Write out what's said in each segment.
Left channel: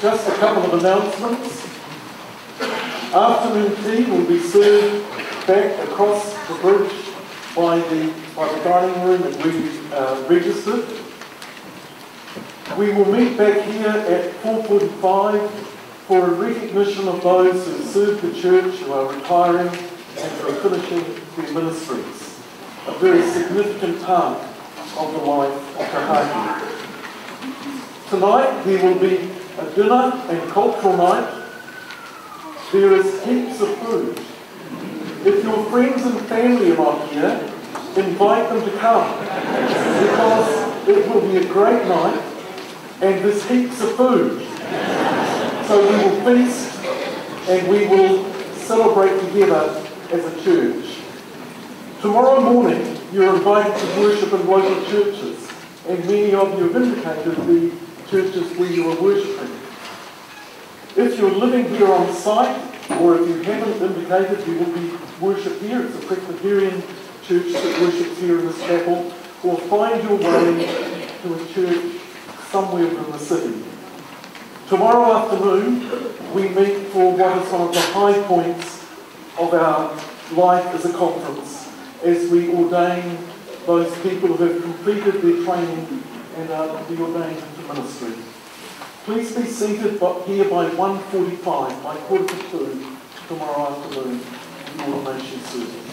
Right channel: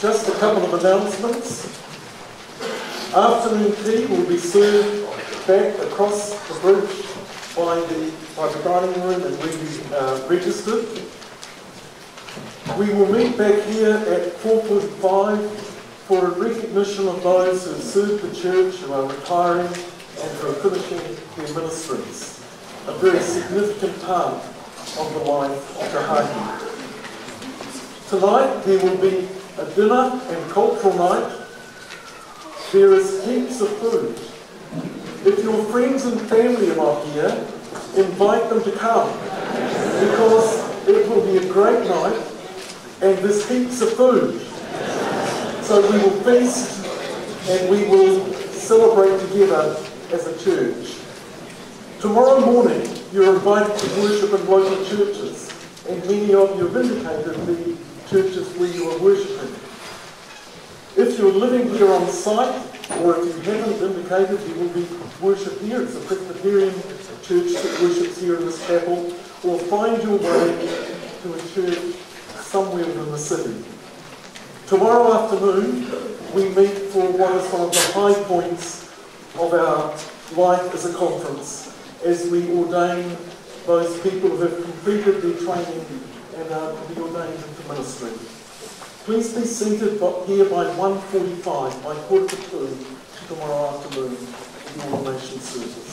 just a couple of announcements. Afternoon tea will be served back across the bridge by the dining room, and we registered. We will meet back here at 4:45 for a recognition of those who served the church, who are retiring, and for finishing their ministries. A very significant part of the life of Rahaki. Tonight there will be a dinner and cultural night. There is heaps of food. If your friends and family are not here, invite them to come, because it will be a great night and there's heaps of food. So we will feast and we will celebrate together as a church. Tomorrow morning you're invited to worship in local churches, and many of you have indicated the churches where you are worshipping. If you're living here on site, or if you haven't indicated, you will be worship here. It's a Presbyterian church that worships here in this chapel, or find your way to a church somewhere in the city. Tomorrow afternoon, we meet for what is one of the high points of our life as a conference, as we ordain those people who have completed their training and are to be ordained into ministry. Please be seated here by 1:45, by 1:45 tomorrow afternoon in the ordination service.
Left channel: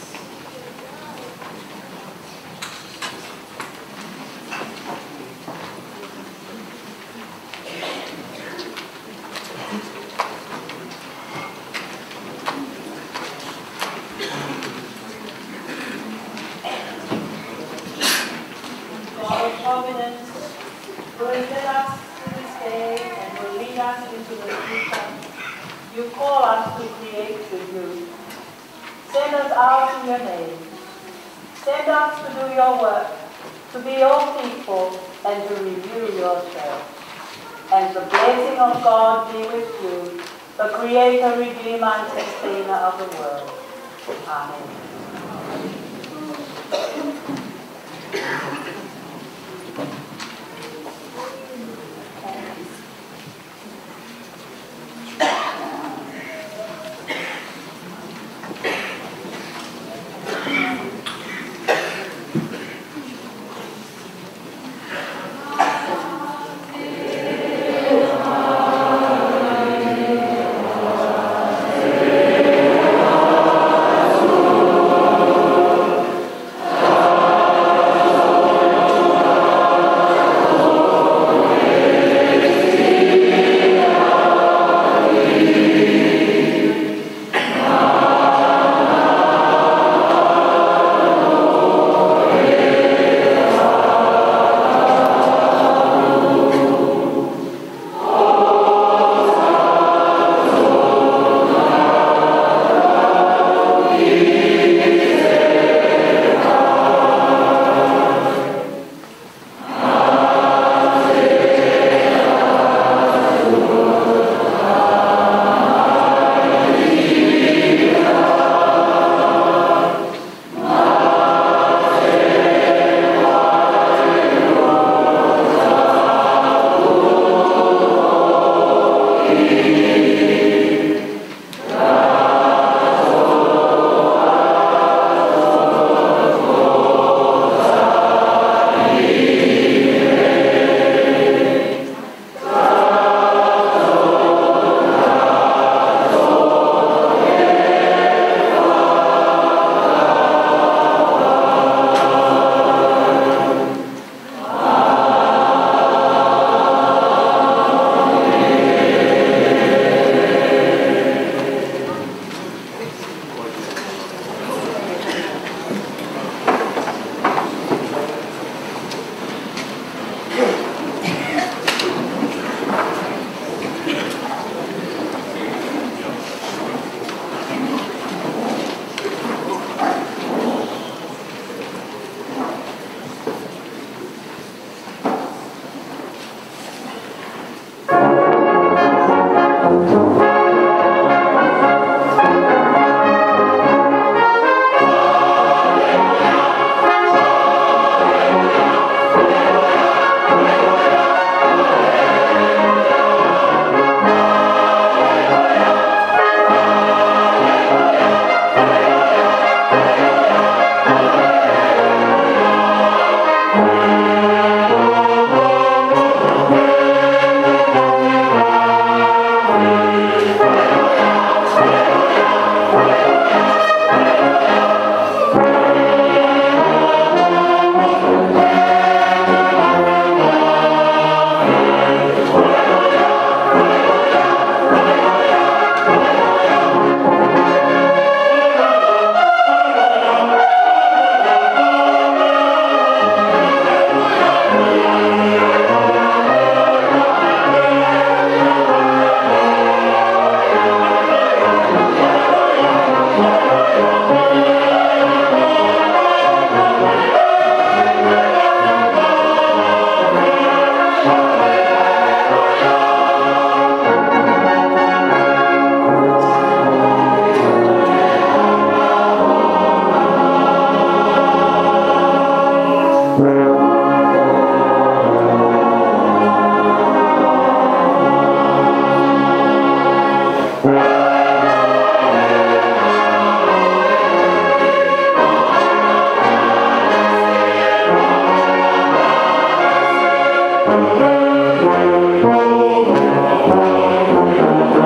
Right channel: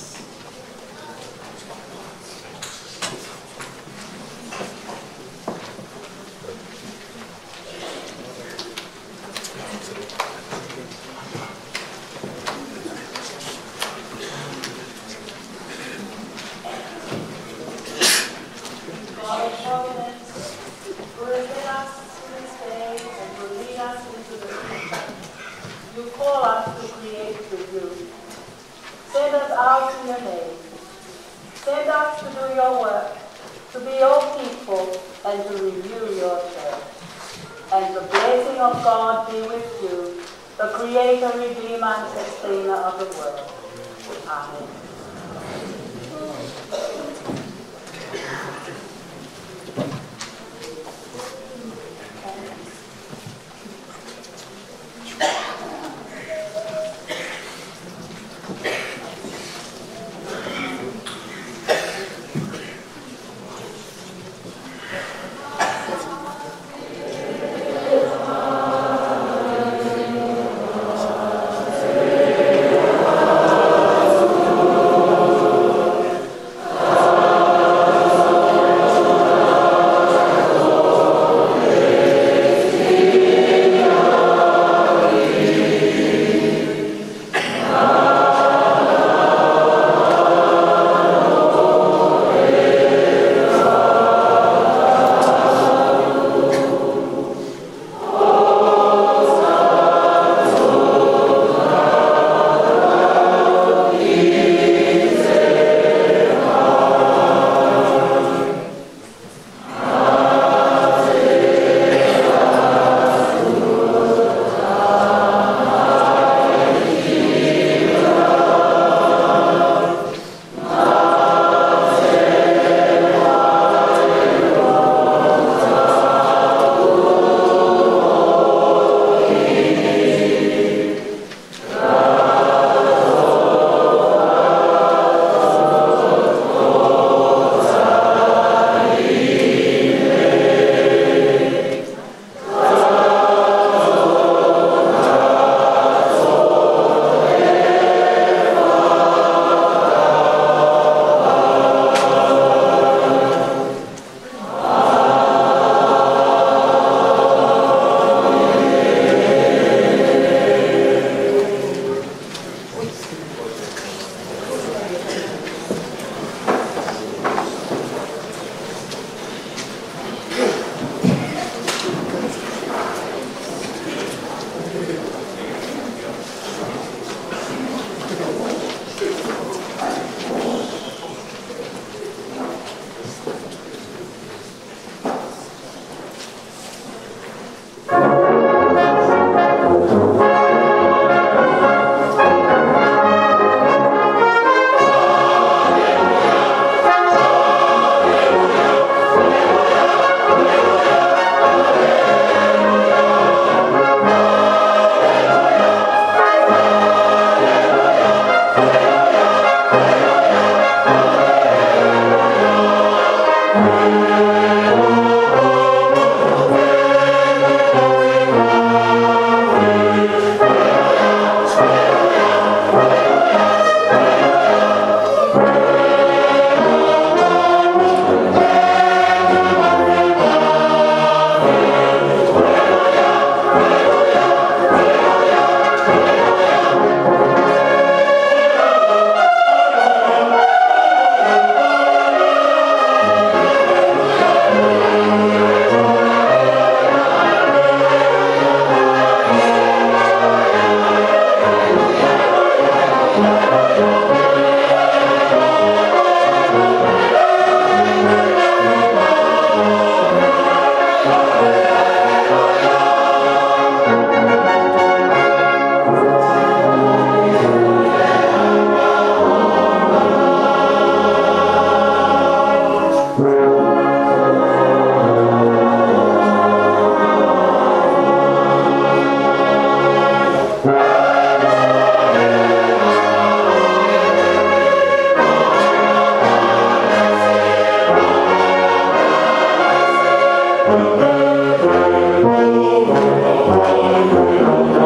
Thank you.